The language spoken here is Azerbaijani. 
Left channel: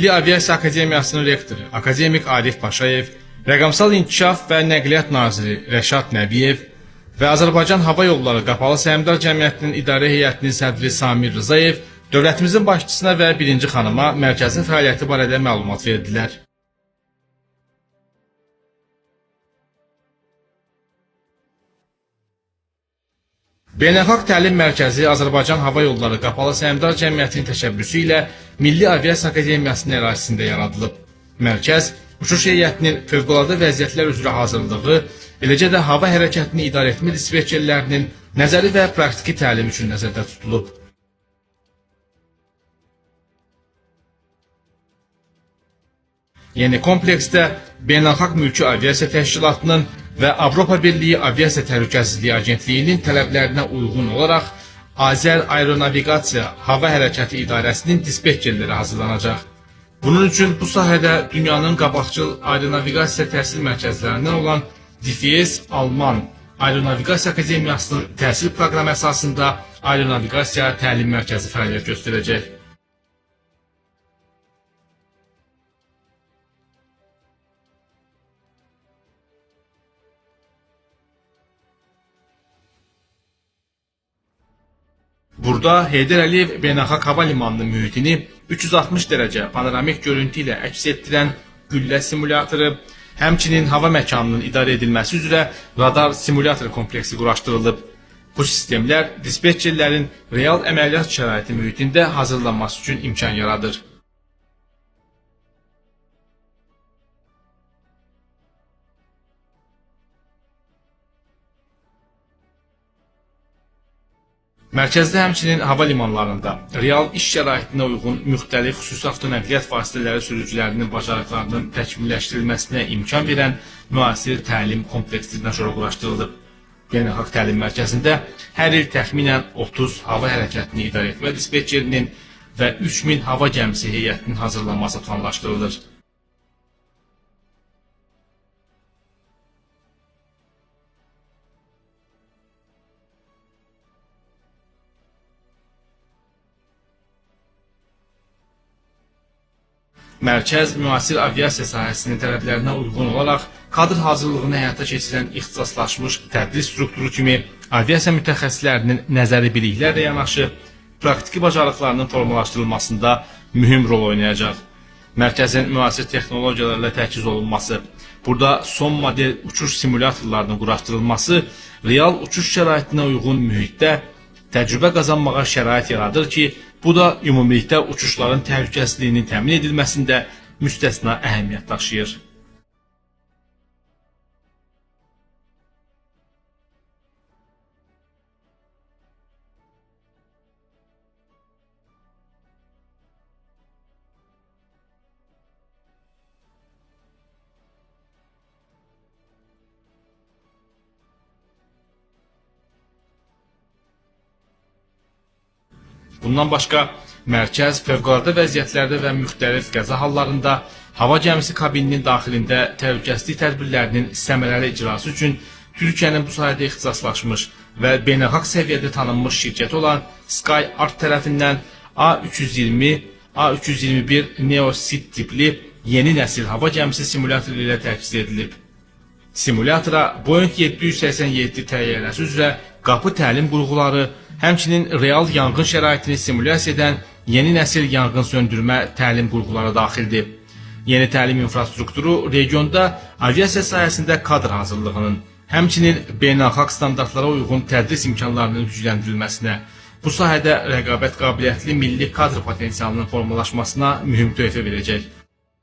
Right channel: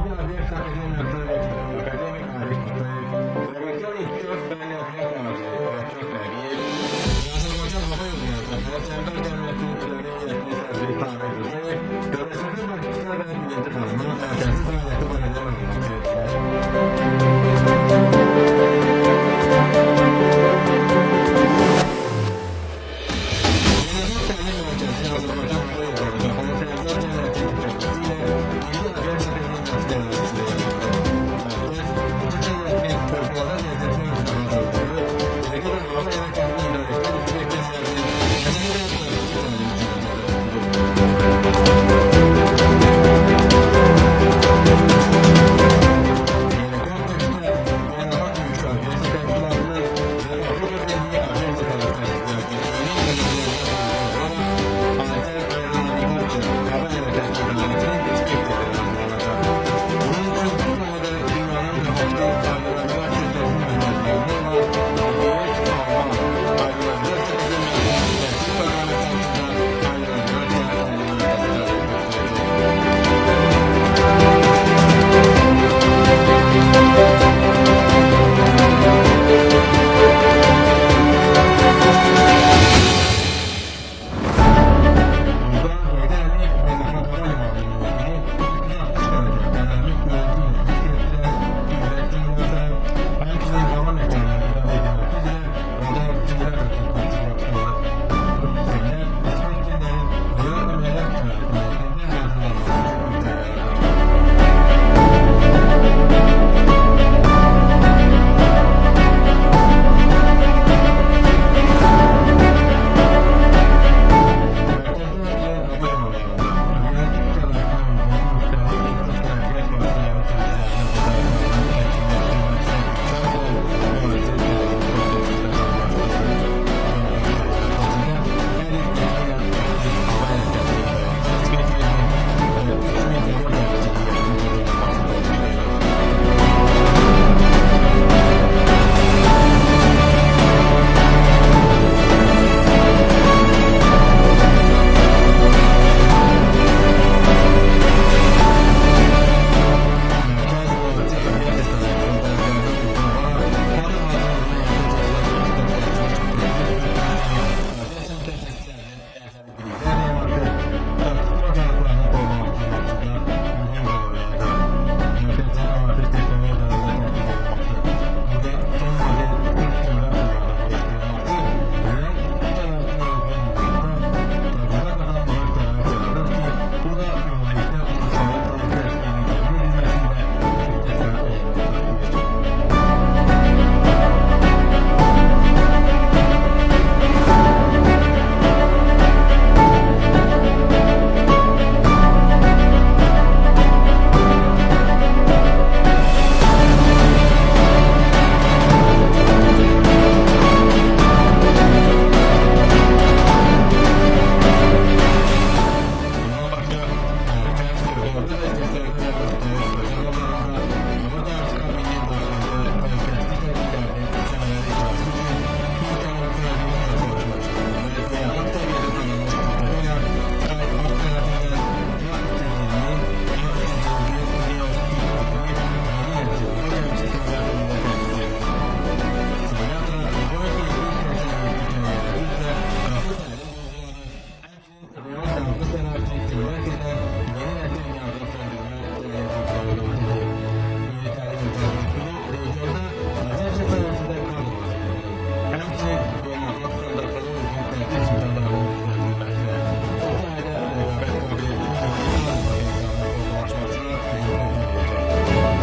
Milli Aviasiya Akademiyasının rektoru akademik Arif Paşayev, Rəqəmsal İnkişaf və Nəqliyyat naziri Rəşad Nəbiyev və Azərbaycan Hava Yolları Qapalı Səhmdar Cəmiyyətinin İdarə Heyətinin sədri Samir Rızayev dövlətimizin başçısına və birinci xanıma mərkəzin fəaliyyəti barədə məlumat verdilər. Beynəlxalq Təlim Mərkəzi Azərbaycan Hava Yolları Qapalı Səhmdar Cəmiyyətinin təşəbbüsü ilə Milli Aviasiya Akademiyasının ərazisində yaradılıb. Mərkəz, uçuş heyətinin fövqəladə vəziyyətlər üzrə hazırlığı, eləcə də hava hərəkətini idarə etmə dispetçerlərinin nəzəri və praktiki təlim üçün nəzərdə tutulub. Yeni kompleksdə Beynəlxalq Mülki Aviasiya Təşkilatının və Avropa Birliyi Aviasiya Təhlükəsizliyi Agentliyinin tələblərinə uyğun olaraq Azər Aeronaviqasiya Hava Hərəkəti İdarəsinin dispetçerləri hazırlanacaq. Bunun üçün bu sahədə dünyanın qabaqcıl aeronaviqasiya təhsil mərkəzlərindən olan DFS Alman Aeronaviqasiya Akademiyasının təhsil proqramı əsasında Aeronaviqasiya Təlim Mərkəzi fəaliyyət göstərəcək. Burada Heydər Əliyev Beynəlxalq Hava Limanının mühitini 360 dərəcə panoramik görüntü ilə əks etdirən güllə simulatoru, həmçinin hava məkanının idarə edilməsi üzrə radar simulyator kompleksi quraşdırılıb. Bu sistemlər dispetçerlərin real əməliyyat şəraiti mühitində hazırlanması üçün imkan yaradır. Mərkəzdə həmçinin hava limanlarında real iş şəraitinə uyğun müxtəlif xüsusi avtonəqliyyat vasitələri sürücülərinin bacarıqlarının təkmilləşdirilməsinə imkan verən müasir təlim kompleksi trenijoru quraşdırılıb. Beynəlxalq Təlim Mərkəzində hər il təxminən 30 hava hərəkətini idarə etmə dispetçerinin və 3000 hava gəmisi heyətinin hazırlanması planlaşdırılır. Mərkəz müasir aviasiya sahəsinin tələblərinə uyğun olaraq kadr hazırlığını həyata keçirən ixtisaslaşmış tədris strukturu kimi aviasiya mütəxəssislərinin nəzəri biliklərlə yanaşı praktiki bacarıqlarının formalaşdırılmasında mühüm rol oynayacaq. Mərkəzin müasir texnologiyalarla təchiz olunması, burada son model uçuş simulyatorlarının quraşdırılması real uçuş şəraitinə uyğun mühitdə təcrübə qazanmağa şərait yaradır ki, bu da ümumilikdə uçuşların təhlükəsizliyinin təmin edilməsində müstəsna əhəmiyyət daşıyır. Bundan başqa, mərkəz fövqəladə vəziyyətlərdə və müxtəlif qəza hallarında hava gəmisi kabininin daxilində təhlükəsizlik tədbirlərinin səmərəli icrası üçün Türkiyənin bu sahədə ixtisaslaşmış və beynəlxalq səviyyədə tanınmış şirkəti olan SkyArt tərəfindən A320, A321 Neo-Sid tipli yeni nəsil hava gəmisi simülyatoru ilə təchiz edilib. Simulyatora Boeing 787 təyyarəsi üzrə qapı təlim qurğuları, həmçinin real yanğın şəraitini simulyasiya edən yeni nəsil yanğın söndürmə təlim qurğuları daxildir. Yeni təlim infrastrukturu regionda aviasiya sahəsində kadr hazırlığının, həmçinin beynəlxalq standartlara uyğun tədris imkanlarının gücləndirilməsinə, bu sahədə rəqabət qabiliyyətli milli kadr potensialının formalaşmasına mühüm töhfə verəcək.